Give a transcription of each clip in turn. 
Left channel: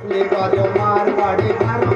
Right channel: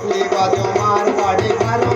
ಇಲ್ಲಿ ಬಾಜು ಮಾರ್ವಾಡಿ ಬಾರು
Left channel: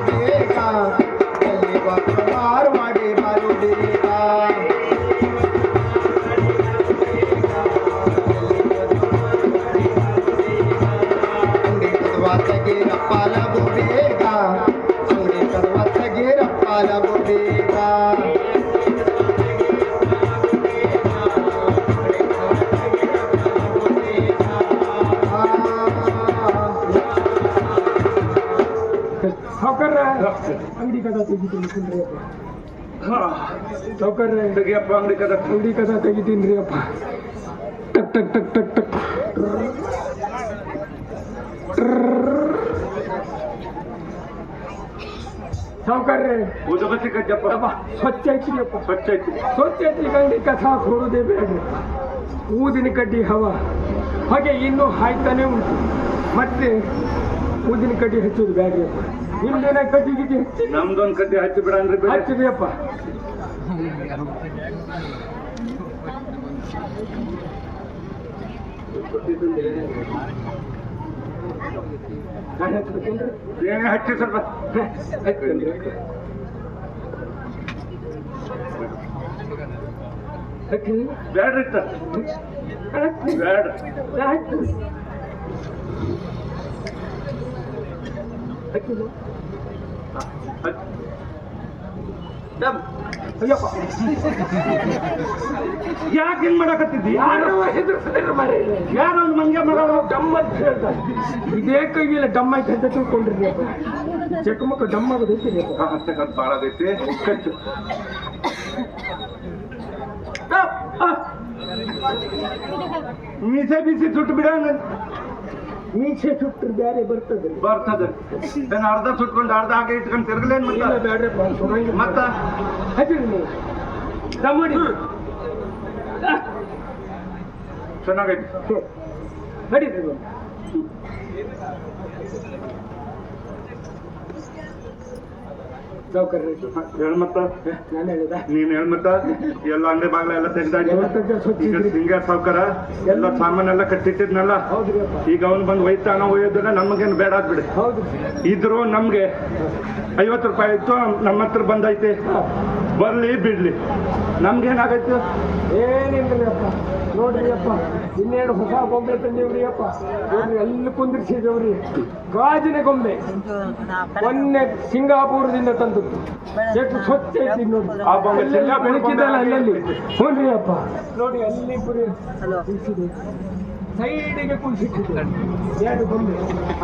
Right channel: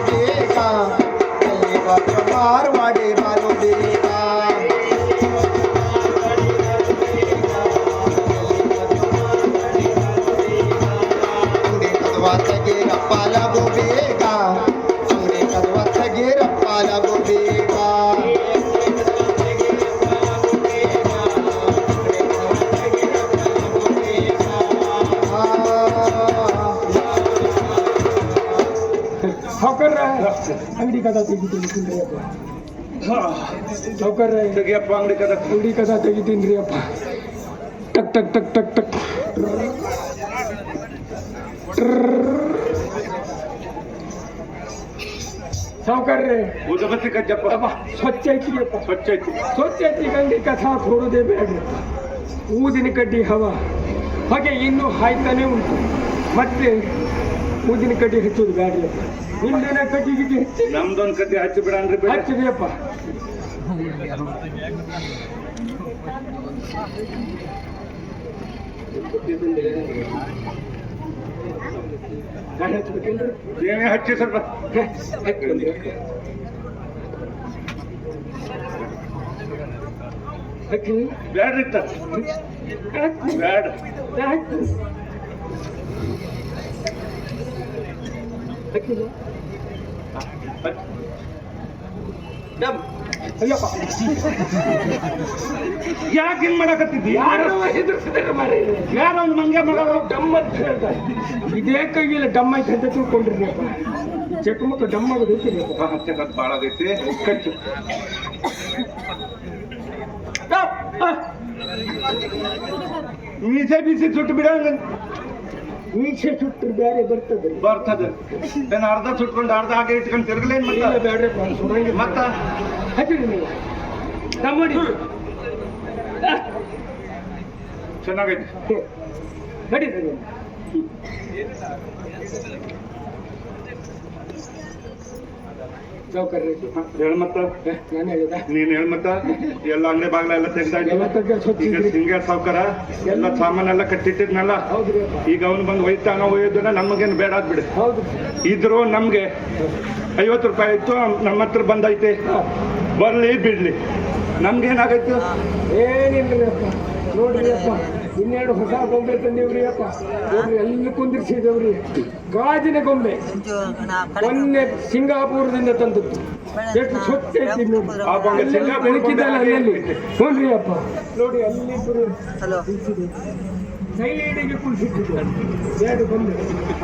ಅಂಗಡಿ ಕದ ತೆಗಿತೀನಿ ಅಪ್ಪ ಸೌಕರ್ಯ ತೆಗಿಯಪ್ಪ ಅಂಗಡಿ ಕದ ಅಂಗಡಿ ಕದ ತೆಗಿತೀನಿ ರೀ ಅಪ್ಪ ಟಕ್ ಟಕ್ ಟಕ್ ಟಕ್ ಟಕ್ ಸಾವುಕಾರ್ರೆ ಉದಬತ್ತಿ ಕಜ್ಜಪ್ಪ ಸ್ವಚ್ಛ ಐತ್ರಿ ಅಪ್ಪ ಸ್ವಚ್ಛ ಐತಿ ಸ್ವಚ್ಛ ಐತಿ ಗಂಡಿ ಕಥಾ ಕೊಡೋದೇ ಬೇಡ್ರಿ ಊದಿನ ಕಡ್ಡಿ ಹವ ಹಾಗೆ ಇನ್ನೂ ಹಾಯ್ತಾನೆ ಉಂಟು ಮತ್ತೆ ಊದಿನ ಕಡ್ಡಿ ಹಚ್ಚೋದು ಬೇಡ್ರಿ ಹಿಂದಿನ ಕಟ್ಟಿ ಗಿಟ್ಟಿ ಹಚ್ಚಿ ನಮ್ದೊಂದ್ ಕದ್ದಿ ಹಚ್ಚಿ ಬಿಡ. ನಾನು ಹಚ್ಬೇಕೇನ್ರಿ? ಏನೇ ಹಚ್ಚಿ ಸ್ವಲ್ಪ. ಹೇ, ಹಚ್ಕಂದ್ರಿ ಹಚ್ಚಿರಿ ಬ್ಯಾಡ್ರಿ ಇತ್ತ ಹಚ್ಚಿರಿ ಬ್ಯಾಡ ಹಚ್ಚಿರಿ ಹಚ್ಚಿಲ್ಲ ಹಚ್ಚಿ ಡಮ್ ಅಯ್ಯಪ್ಪ ಯಾಕೆ ಹಿಂಗ್ ಮಾಡಕತ್ತಿದ್ದಿ? ಯಾರು ಹೆದರ್ಸಿದ್ರೆ ಮಾರಿ ಯಾರ ಒಂದು ಮಂಗೆ ಮಾಡೋರು ಡಮ್ ಅಂತ ಹೇಳ್ತಾರೆ ಇದೇ ಕೈಗಿಲ್ಲ ಡಮ್ ಐತೆ ಅಂತ ತಿಳ್ಕೊಂಡ್ರಿ ಅಪ್ಪ. ಡಮ್ಮ ಡಮ್ ಆಗೋದು ಐತಿ ಹಚ್ಚಕತ್ ಬಾಳ ಆಗೈತಿ. ಕಚ್ಚು. ಮೀಸೆ ಬೀಸಿ ಸುಟ್ಟು ಬಿಡಂಗ ಮೀಸೆ ಸುಟ್ಟರು ಬೇರೆ ಬರ್ತದೆ. ಬರ್ತದೆ. ನಾನು ಅರ್ಧ ಸುಟ್ಕೊಂಡು ಅರ್ಧ ಹಾಗೆ ಇಟ್ಕೊಂಡು ತಿರ್ಗಲೇನ್ ಇಲ್ಲ ಮತ್ತೆ ಸುರಂಗಿಲ್ಲ ಮತ್ತ? ಹಚ್ಚಿರಿ ನೀವು. ನಮ್ಮಡಿ ಮಾಡಿ ಚೆನ್ನಾಗೈತಿ. ನಡೀರಿ ನೀವು. ಸಾವ್ಕಾರ್ರೆ, ಹೇಳ್ ಮತ್ತ. ಹೇ, ನೀನ್ ಹೇಳ್ ಎಲ್ಲ ಅಂಗಡಿ ಬಾಗ್ಲ ಎಲ್ಲ ಎಲ್ಲ ಈಗ ಇದ್ರಿ. ಸಿಂಗ ಸಾವ್ಕಾರ ಎಲ್ಲ ಸಾಮಾನೆಲ್ಲ ಕಟ್ಟಿಟ್ಟಿದ್ನಲ್ಲ. ಈಗ ಅವ್ನು ಬಂದು ಒಯ್ತಾನ ಒಯ್ಯೋದನ್ನ ನಮಗೇನು ಬೇಡ ಬಿಡಿ. ಹೌದು. ಇದ್ರು ನಮ್ಗೆ ಐವತ್ತು ರೂಪಾಯಿ ಇತ್ತು ನಮ್ಮ ಹತ್ರ ಬಂದೈತೆ. ಬರ್ಲಿ ಬಿಡ್ಲಿ. ನಮ್ಗೇನಾಗೈತೆ? ಅಪ್ಪ ನೋಡ್ರಿ ಅಪ್ಪ. ಇನ್ನೆರಡು ಹೊಸ ಗೊಂಬೆ ತಂದೇವ್ರಿ ಅಪ್ಪ? ಎಲ್ಲ ಅಲ್ಲಿ ಕುಂದಿರ್ಸಿದೇವ್ರಿ? ಗಾಜಿನ ಗೊಂಬೆ. ಮೊನ್ನೆ ಸಿಂಗಾಪುರದಿಂದ ತಂದದ್ದು. ಎಷ್ಟು ಸ್ವಚ್ಛ ಐತಿ ನೋಡಿ. ಆ ಗೊಂಬೆ ಅಪ್ಪ. ನೋಡಿ ಅಲ್ಲಿ ಸೈಡಿಗೆ ಕುಳಿಸಿಟ್ಟಿದ್ದಾರೆ ಎರಡು ಗೊಂಬೆ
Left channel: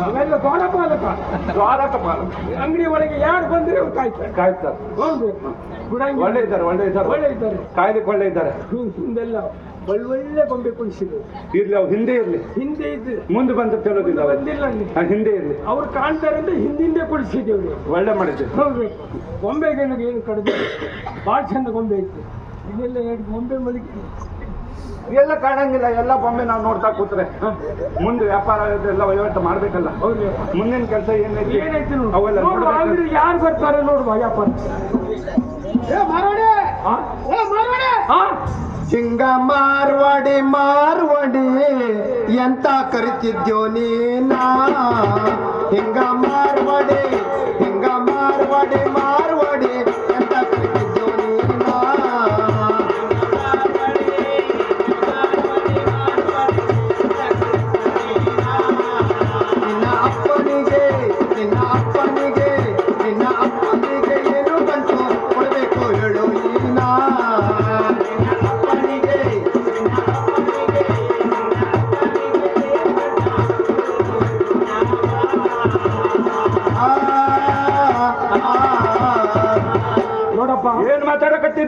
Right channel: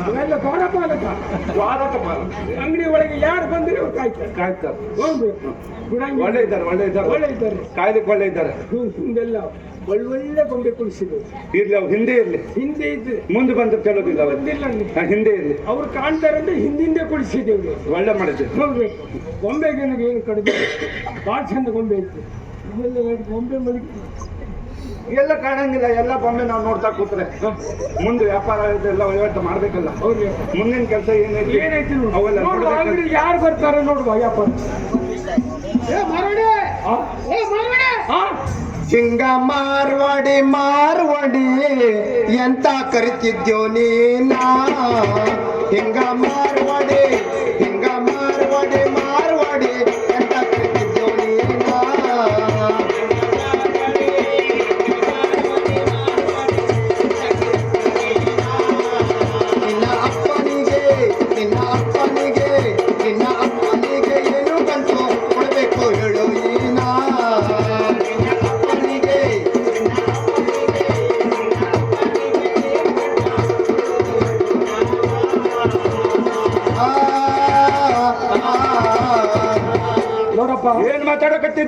ಅವೆಲ್ಲ ದ್ವಾರಪಾಲಕ ದ್ವಾರಕ ಪಾಲ ಅಂಗಡಿ ಒಳಗೆ ಯಾರು ಬಂದ್ರೆ ಅವ್ರು ಕಾಯ್ತಾರೆ. ಕಾಯ್ತಾರೆ. ಹೋಗ್ಬೇಕು. ಗುಡಂಗಿ ಒಳ್ಳೆ ಇದ್ದಾರೆ ಒಳ್ಳೆ ಇದ್ದಾರೆ ಒಳ್ಳೆ ಇದ್ದಾರೆ ಕಾಯ್ದೆ ಒಳ್ಳೆ ಇದ್ದಾರೆ ಹಿಂದೆಲ್ಲ ಒಳ್ಳೊಳ್ಳೆ ಗೊಂಬೆ ಕುಳಿಸಿದ್ರು ಇರ್ಲಿ ಅವ್ರು ಹಿಂದೆ ಇರ್ಲಿ. ಹಿಂದೆ ಇದ್ರೆ. ಮುಂದೆ ಬಂದು ಕೆಲವಿಲ್ಲ ಬಂದಿಲ್ಲ ಹಿಂದೆ ಇರ್ಲಿ. ಅವ್ರು ಕಾಣ್ತಾರೆ ಅಂತ ಹಿಂದಿಂದೆ ಕುಳಿಸಿದ್ದೇವ್ರಿ ಒಳ್ಳೆ ಮಾಡಿದ್ದೆ ಹೌದು ಗೊಂಬೆಗೆ ಏನು ಕಡಿಮೆ? ಭಾಳ ಚಂದ ಗೊಂಬೆ ಇತ್ತು ಇದೆಲ್ಲ ಎರಡು ಗೊಂಬೆ ಮಲಗಿ ಎಲ್ಲ ಕಾಣಂಗಿಲ್ಲ. ಎಲ್ಲ ಬೊಂಬೆ ನಾವು ನೋಡ್ತಾ ಕೂತ್ರೆ. ಮುಂದೆ ವ್ಯಾಪಾರ ಎಲ್ಲ ವಹಿವಾಟು ಮಾಡ್ಬೇಕಲ್ಲ. ಹೌದು ಮುಂದಿನ ಕೆಲಸ ಏನೈತಿ ಏನೈತಿ ನೋಡು. ಅವೆಲ್ಲ ನೋಡು ಯಾರು ಬರ್ತಾರೆ ನೋಡುವ? ಆ? ಹಿಂಗ ಮಾರ್ವಾಡಿ! ಮಾರ್ವಾಡಿ ಎಂತ ಕರಿತಿದ್ಯೋ ನೀನ? ಹಿಂಗ ಮಾರ್ವಾಡಿ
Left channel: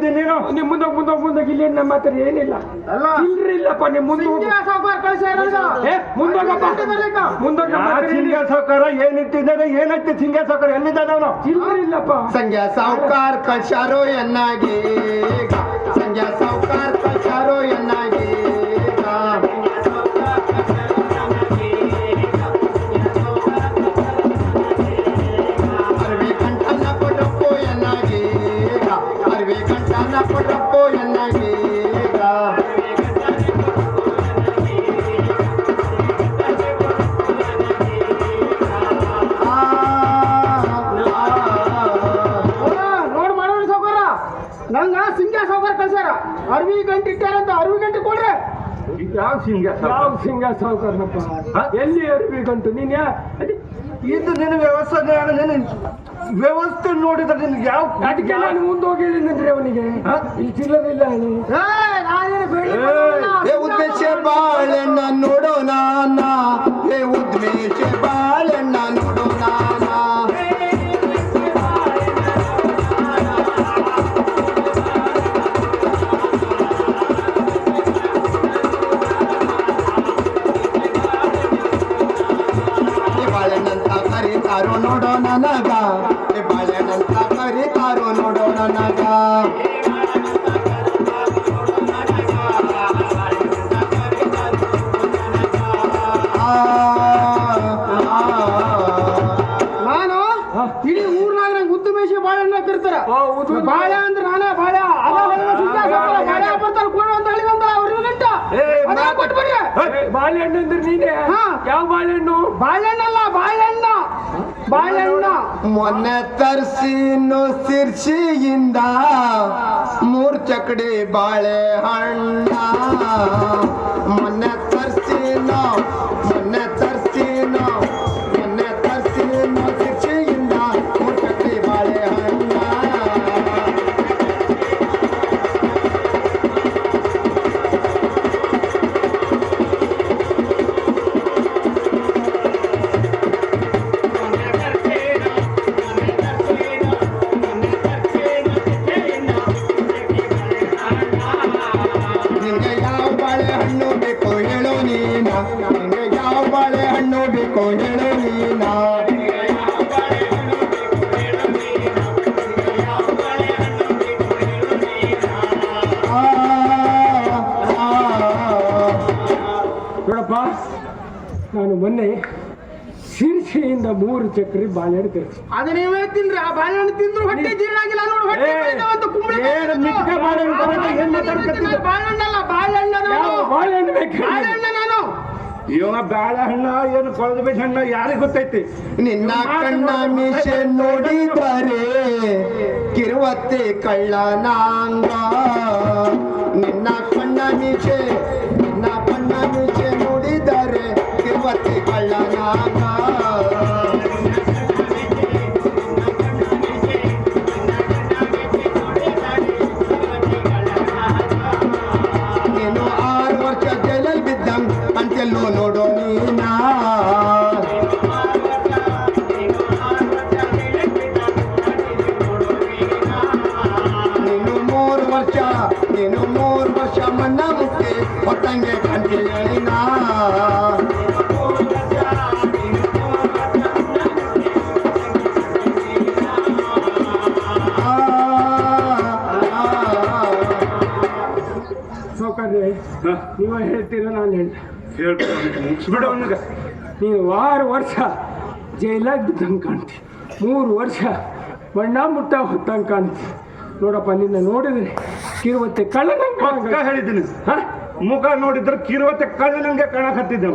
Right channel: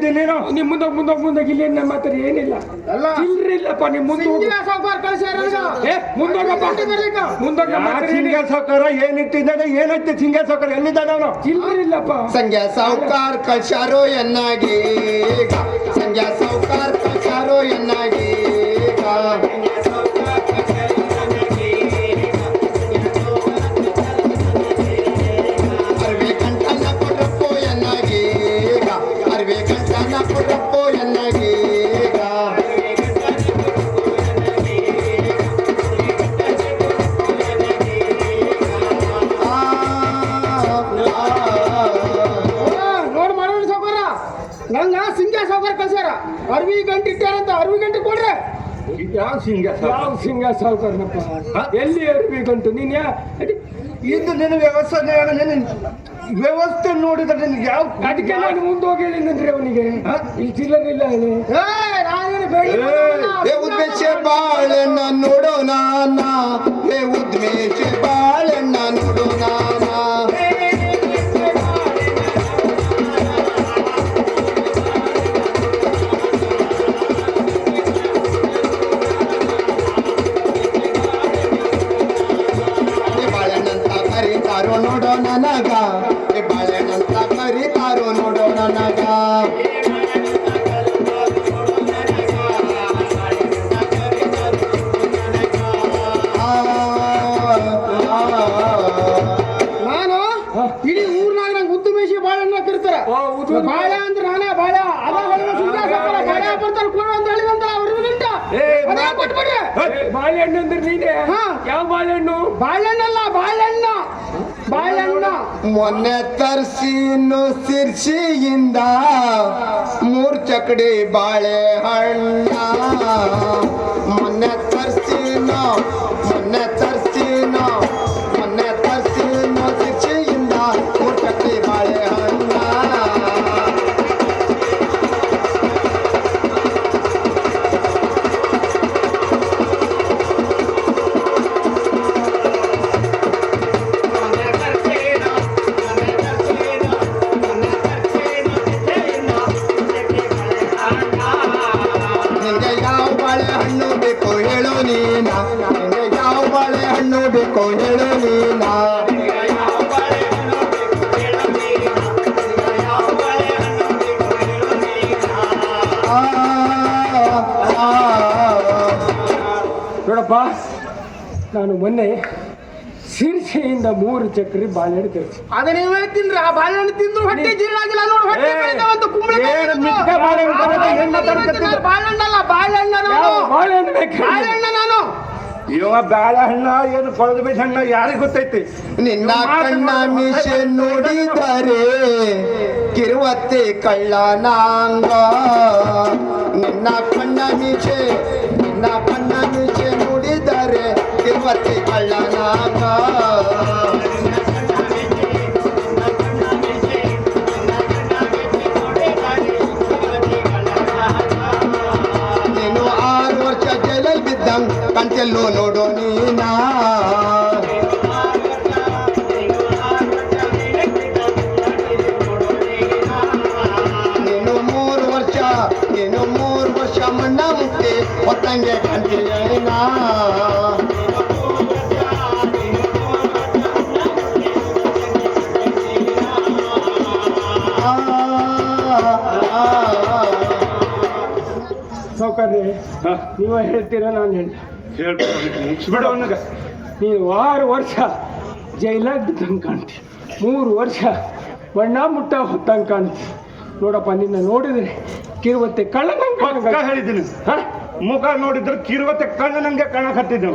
ನೀನು? ನಿಮ್ ಮುಂದೆ ಮುಂದೆ ಮುಂದೆ ಇಲ್ಲಿ ನಮ್ಮ ಹತ್ರ ಏನಿಲ್ಲ? ಇಲ್ಲಪ್ಪ ನಿಮ್ ಮುಂದೆ ಸಿಂಗ ಸಾವುಕಾರ ಏನಿಟ್ಟಿದ್ದಾನೆ ಏನೈತಿ ಸಿಂಗ ಸಾವುಕಾರ ಎಲ್ಲಿದ್ದಾನೆ ಅವನು? ಇಲ್ಲಪ್ಪ ಸಂಗ್ಯಾ ಸಾವುಕಾರ ಕಳ್ಸಾರೋ ಎನ್ನಾಗಿ? ಸಂಗ್ಯಾ ಸಾವುಕಾರ ಯಾವ ಸಿಂಗ ಯಾವ ಸಿಂಗ ಸಾವುಕಾರನಪ್ಪ? ಎಲ್ಲಿ ಏರ್ಬೇಕಂಟು ನೀನ್ ಇದು ನಿನ್ನ ವ್ಯವಸ್ಥೆ ನಿನ್ನ ವ್ಯವಸ್ಥೆ ನೋಡಿದ್ರೆ ನಿನ್ಗೆ ಯಾವ ಅದಕ್ಕೆ ನಾನು ಮುಂದೆ ಹೋಗಿದ್ದೇನೆ ಅವನಿಗೆ? ಇಲ್ಲಿ ಚಿಲ್ಲರಿಲ್ಲ ಹೇಳಿ ಏ ಉದ್ದೇಶ ಬಾಳೆ ನೋಡೋಣ. ಬಾಳೆಹಣ್ಣು ಅಂದ್ರೆ ನೀನೆ? ಹಾ. ಯಾವ ಬಾಳೆಹಣ್ಣು? ಬಾಳೆಹಣ್ಣಲ್ಲ ಬಾಳೆಹಣ್ಣ. ಬಾಳೆಹಣ್ಣ. ಮೊನ್ನೆ ತರ್ಸಿನು ಸಿರ್ಸಿಯಿಂದ ಮೂರ್ ಚಕಡಿ ಬಾಳೆಹಣ್ಣ. ಮೊನ್ನೆ ತರ್ಸಿನ ಮೊನ್ನೆ ತರ್ಸಿನ ನೋಡಪ್ಪ ನಾನು ಮೊನ್ನೆ ಶಿರ್ಷೆಯಿಂದ ಮೂರು ಚಕ್ರಿ ಬಾಳೆಹಣ್ಣು ತರಿಸಿ ಅದನ್ನ ನೀವೇ ತಿನ್ರಿ ಆ ಬಾಳೆಹಣ್ಣು ತಿಂದ್ರು ಹೊಟ್ಟೆ ಜೀರ್ಣ ಆಗಿಲ್ಲ ನೋಡಿ ಹೊಟ್ಟೆ ಏ, ಕಾಯ್ತಾವಂತ ಕುಂಬಳಕಾಯಿ ಮಿಕ್ಕ ಬಾಳೆಹಣ್ಣು ತರೋದು? ಎಣ್ಣೆ ತರೋದು? ಬಾಳೆಹಣ್ಣಲ್ಲ ಬಾಳೆಹಣ್ಣ ನಾನು ಬಾಳೆಹಣ್ಣು ಬೇಕು ಬಾಳೆಹಣ್ಣ ನಾನು ಇವ ಬಾಳೆಹಣ್ಣ ಏನು ಕೊಳದ ಬೀಜ ಹಣ್ಣ ಯಾರಿಗೆ ಗೊತ್ತೈತಿ? ನಿನ್ನ ಕಣ್ಣ ಮೀಸೆ ನೋಡಿದರೆ ಕಿರುವತ್ತೆ ಕಳ್ಳನಾಂಗ. ನಿನ್ನ ಕಣ್ಣ ಮೀಸೆ ಹೇಳ್ತೀರ ನಾನು ಹೇಳಿ. ಬಿಡು ಅವನಿಗೆ. ನೀನು ಆರು ವರ್ಷ ಜೈಲಾಗ ಬಿದ್ದಂಗೆ ಕಾಣ್ತಿ. ಮೂರು ವರ್ಷ ಬಣ್ಣ ಮುಟ್ಟ ಹೊತ್ತಂಗೆ ಕಾಣ್ತಿ. ನೋಡಪ್ಪ ನಿನ್ನ ನೋಡಿದ್ರೆ ಕಿರುವತ್ತೆ ಕಳ್ಳನಂಗೆ ಪಕ್ಕ ಹೇಳಿದ್ದೀನಿ. ಹಾ? ಮುಖ ನೋಡಿದ್ರೆ ಕಿರುವತ್ತೆ ಕಳ್ಳ ನಂಗೆ ಕಾಣಕತ್ತಿದ್ದೆ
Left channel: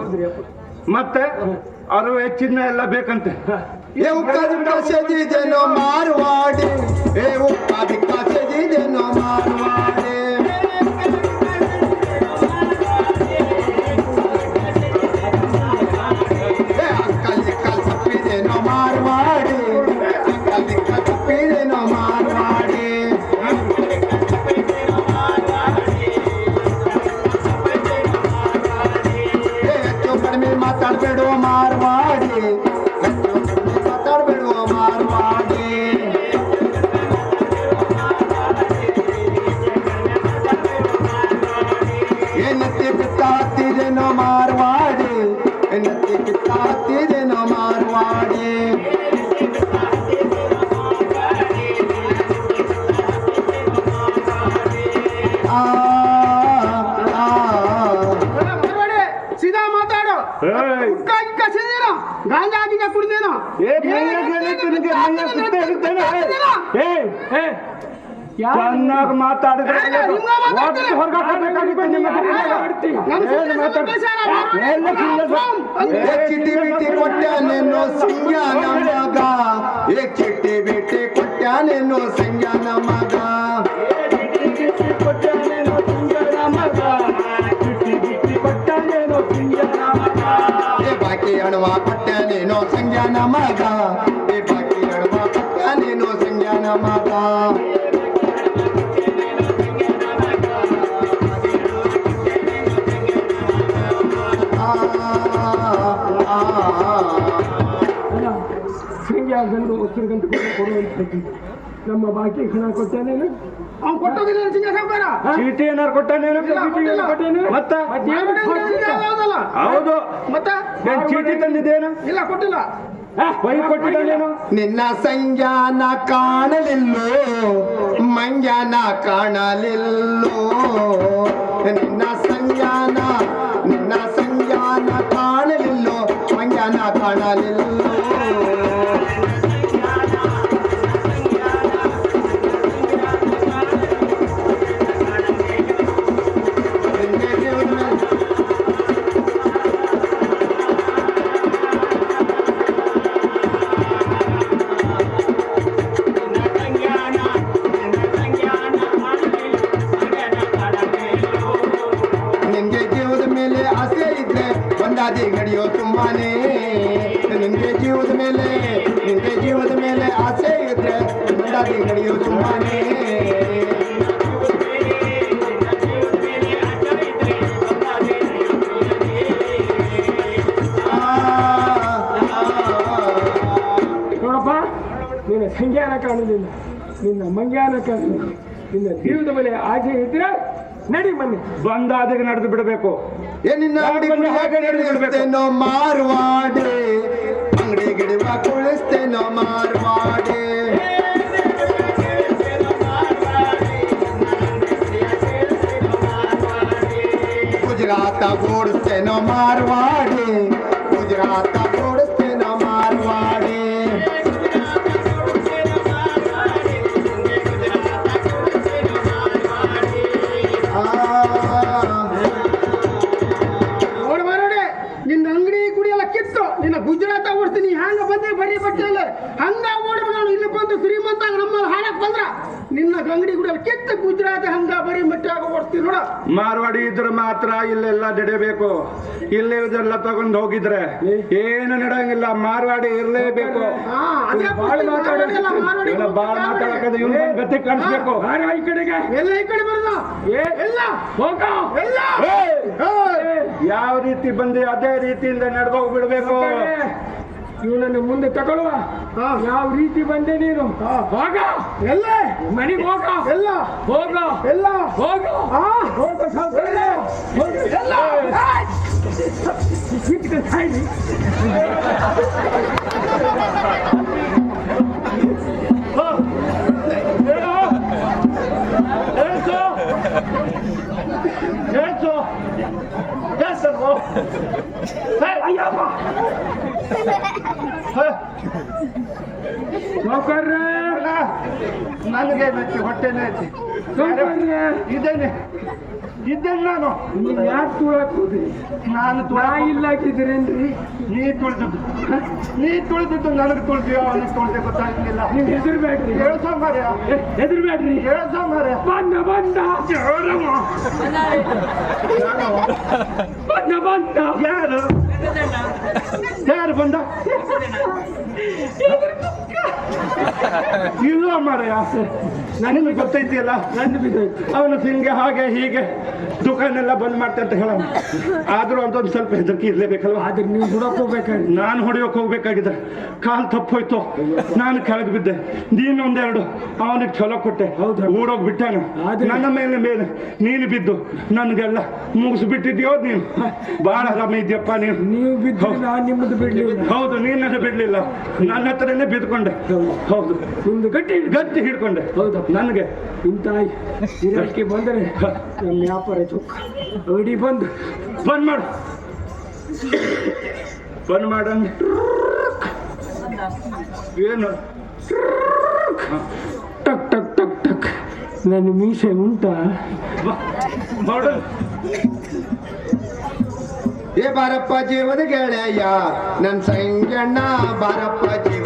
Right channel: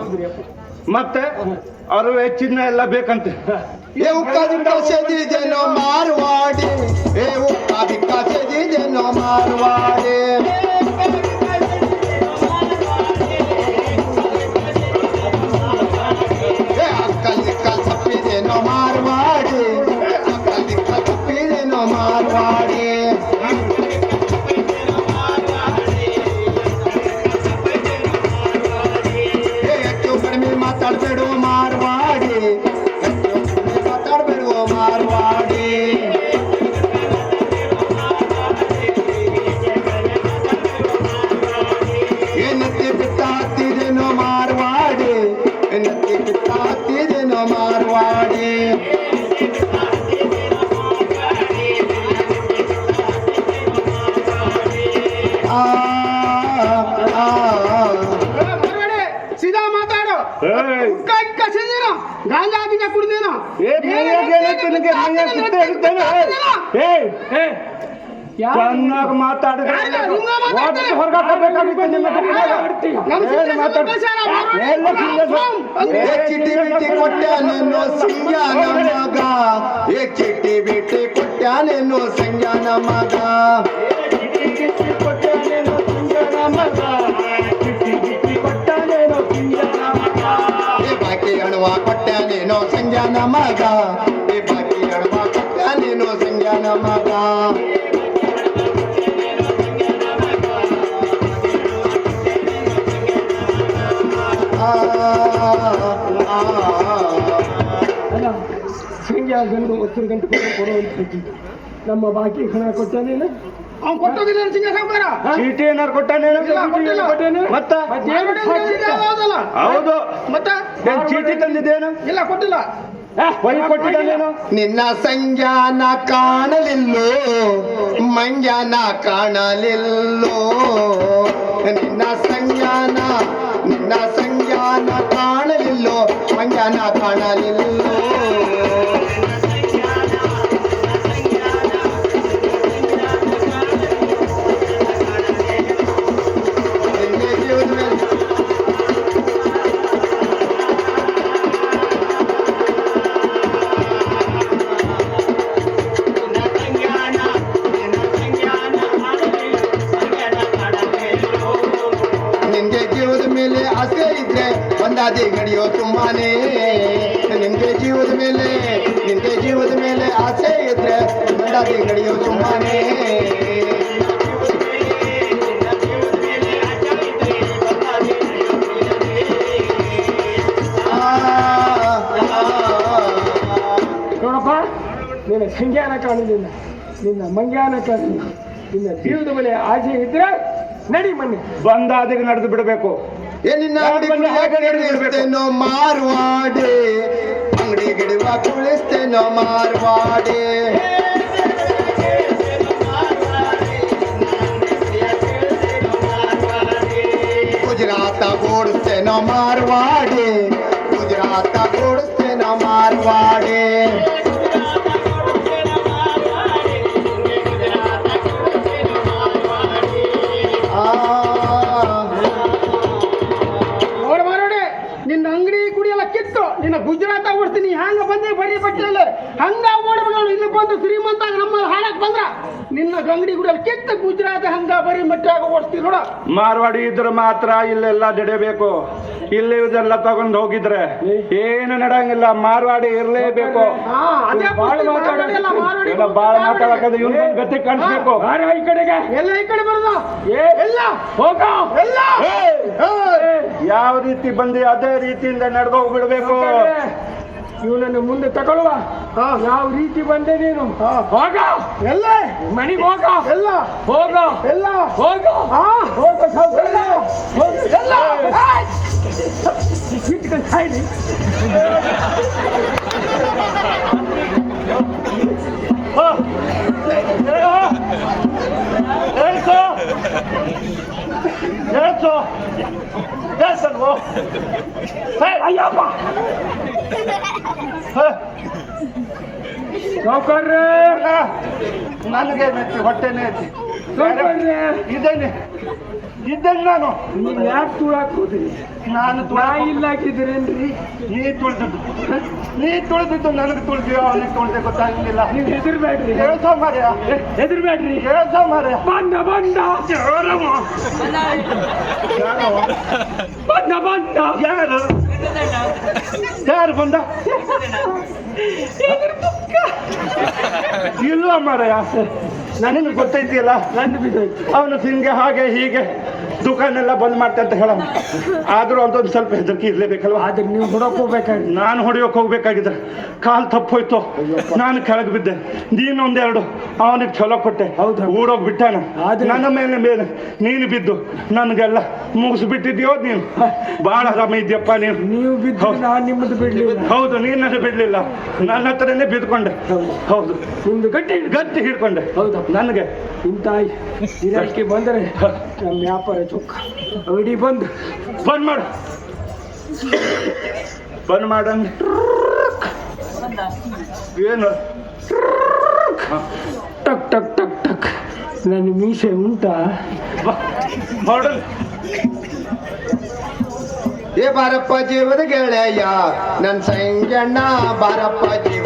ಮತ್ತೆ ಅರುವೆ ಚಿನ್ನ ಎಲ್ಲ ಬೇಕಂತೆ. ಏ ಮಾರುವಾಡಿ. ಏ ಮಾರ್ವಾಡಿ. Thank you. ಸುಳ್ಳು ಮಾತಾಡಿದ್ರೆ ಚಿಟ್ಟಿ ಬಿಟ್ಟಿ ಕೊಟ್ಟಾನೇನೋ ಸಂಜ್ಞಾನ ಮಗ. ಏ ಚಿಟ್ಟಿ ಬಿಟ್ಟಿ ಕೊಟ್ಟಾನೇನೋ ಸಂಜ್ಞಾನ ಮಗ. ಬಂದು ಒತ್ತರು ಗಂಟೆ ಕೊಟ್ಟು ಕೊಡುವಂತ ನಮ್ಮ ಬಾಕಿ ಹಣ ಕೊಟ್ಟಾನೇನು ಅವ್ನು ಕೊಟ್ಟೋಗಿಲ್ಲ ಸಿಂಗ ಸಾವುಕಾರ. ಚೀಟಿ ಏನಾರು ಕೊಟ್ಟಾನೇನು. ಕೊಟ್ಟಾನೆ ಮತ್ತ? ಹೌದು. ಮತ್ತೆ? ಚೀಟಿ ತಂದಿದ್ದೇನು ಇಲ್ಲ ಕೊಟ್ಟಿಲ್ಲ. ನಿನ್ನ ಸಂಜ್ಞಾನ ಕಾಣಲಿಲ್ಲೋ ಮಂಜಾನ ಕಾಣಲಿಲ್ಲೋ ನಿನ್ನ ಸಂಜ್ಞಾನ ನೋಡಪ್ಪ? ನಿನ್ನ ಸಂಜ್ಞಾನ ಕಾಣಲಿಲ್ಲ ನಿನ್ನ ಮಂಗ್ಯಾನ ಕಾಣಲಿಲ್ಲ ನಿನ್ನ ದೇವದ ಮೇಲೆ ಆಸೆ ಇದ್ರೆ ನಡಿ ಮನೆ ಬಂದಾದಿಗೆ ನಡೆದು ಬಿಡಬೇಕು. ಏ ನಿನ್ನ ಅಂಗಡಿ ಕುಳಿಸ್ತೇನೋ ಮಾರ್ವಾಡೆ. ಅಂಗಡಿ ಗಿಡವ ಕುಳಿಸ್ತೇನೋ ಮಾರ್ವಾಡೆ. ಮಾತ್ರ ಇಲ್ಲೆಲ್ಲ ನಡೆಯಬೇಕು. ಇಲ್ಲಿ ಇದೆಲ್ಲ ತಗೊಂಡು ಹೋಗಿದ್ರೆ ಏನು ನಡೆಯಂಗಿಲ್ಲ. ಮಾರ್ವಾಡಿ ಇರ್ಲೇಬೇಕು. ಬಾಳ್ ಮಾತಾಡಕ್ಕೆ ಇವ್ನ ಗತಿ ಕಾಣಿಸ್ಬೇಕು. ಈ ಕಡೆಗೆ. ಎಲ್ಲ ಈ ಕಡೆ ಬರೋದು. ಏ ಎಲ್ಲ. ಹೋಗ. ಯಾವ ರೀತಿ ಬಂದಿ ಅದೇ ರೀತಿಯಿಂದ ನಡ್ಕೋಗ್ಬಿಡ್ಬೇಕು ಇವನನ್ನು ಮುಂದೆ ತಗೊಳ್ಳುವ ಯಾವ ರೀತಿ ಬಂದೆ ನೀನು? ಹೋಗ. ಎಲ್ಲ? ಮನೆಗೆ ಹೋಗ. ಎಲ್ಲ. ಹೋಗ. ಎಲ್ಲ. ಹೋಗ. ಹೋಗ. ಎಲ್ಲ. ಏಳ್ಸಲ್ವೋ ಹೇ, ಅಯ್ಯಪ್ಪ ಹೇ, ಸಾವ್ಕಾರ್ರೆ, ನನಗೆ ಮೆಚ್ಚಿ ಹೊಟ್ಟೆನೇ ಐತಿ ಸಾವ್ಕಾರ್ರೆ, ಇದ್ದೇನೆ ಇದ್ದೇನೆ ನಾನು. ನೀವು ಯಾಕೆ ತುಳಾಕ್ ಹೋದ್ರಿ ನಾನು ತುಳ ಇಲ್ಲ ನೀ ತುಳಿದದ್ದು. ನೀ ತುಳಿದಿದ್ದು ನನಗೆ ತುಳಿದ್ಯೋ ಅವನಿಗೆ ತುಳಿದೆ ಗೊತ್ತಾಗಿಲ್ಲ ನೀವು ಹೆದರ್ಬೇಡ್ರಿ. ಹೇಳ್ಸೋ ಮಾರ್ಯ ಹೆದರ್ಬೇಡ್ರಿ. ಹೇಳ್ಸೋ ಮಾರ್ಯ ಬಂದ ಬಂದ. ಬಂದ ಬಂದ. ಯಾರು? ಯಾರು ಬಂದ? ಇಲ್ಲ ಮಾರಯ್ಯ ನನಗೆ ಗೊತ್ತೈತಿಲ್ಲ ನನ್ನ ಬಿದ್ದೋಯ್ತು ಅವನು ಹಿಂಗೆ ಹಾಗೆ ಹೀಗೆ. ದುಕಾನ್ ಎಲ್ಲ ಬಂದ್ ಮಾಡ್ತಾ ಅಂತ ಹೇಳ ಆದ್ರೂ ಅದೊಂದು ಸ್ವಲ್ಪ ಹೆದರಿಕೆ ಇರ್ಲೇಬೇಕಲ್ವ? ಆದ್ರೆ ನೀವು ಹೊಡಕ್ ಹೋಗ್ಬೇಕಾಗಿ ನಾನು ಹೊಡೆಯೋಕೆ ಹೋಗ್ಬೇಕಾಗಿದ್ರೆ ಕಾಲ್ ತಪ್ಪೋಯ್ತು. ನಾನು ಕೆಳಗೆ ಬಿದ್ದೆ. ನೀನು ಒಂದೆರಡು ಅವನಿಗೆ ಚಲೋ ಕೊಟ್ಟೆ. ಹೌದು. ಊಡೋಗ್ ಬಿಟ್ಟಾನ? ನನ್ನ ಮೇಲೆ ಮೇಲೆ. ನೀನು ಬಿದ್ದು. ನನಗೆಲ್ಲ ಮುಗಿಸ್ಬಿಟ್ಟಿದ್ಯೋ ನೀನು? ಬಹಳ ಆರಾಮ ಇದೆಯಪ್ಪ ನೀನು. ನೀವು ಬಿದ್ದು. ನಾನು ನಿಮ್ಮದು ಬಿಡ್ಲಿಲ್ಲ. ಹೌದು ನೀನು ಬಿಡ್ಲಿಲ್ಲ. ನನ್ನ ಹತ್ರನೇ ಬಿದ್ಕೊಂಡೆ ಹೌದು. ಹೌದು. ನಿಮ್ದು ಗಟ್ಟಿ ಗಟ್ಟಿ ಹಿಡ್ಕೊಂಡೆ. ಹೌದು. ನನಗೆ ಇಂಥ ಗಿರಾಕಿ ಬಂದರೆ ನಮ್ಮ ವ್ಯಾಪಾರ ಚೊಕ್ಕ. ಅಂಗಡಿ ಬಂದು. ಬಂದ್ ಮಾಡು. ಬಂದ್ ಮಾಡಂಗ್ ಏನು? ಟಕ್ ಟಕ್ ಟಕ್ ಟಕ್. ನನ್ನ ಮೀಸೆ ಉಂಟಾ? ಮಾಡು. ಏ ಬಾರಪ್ಪ ಜೀವದ ಗೆಳೆಯ ನನ್ ಸಂಗಣ್ಣ ಬಾರಪ್ಪ ಜೀವ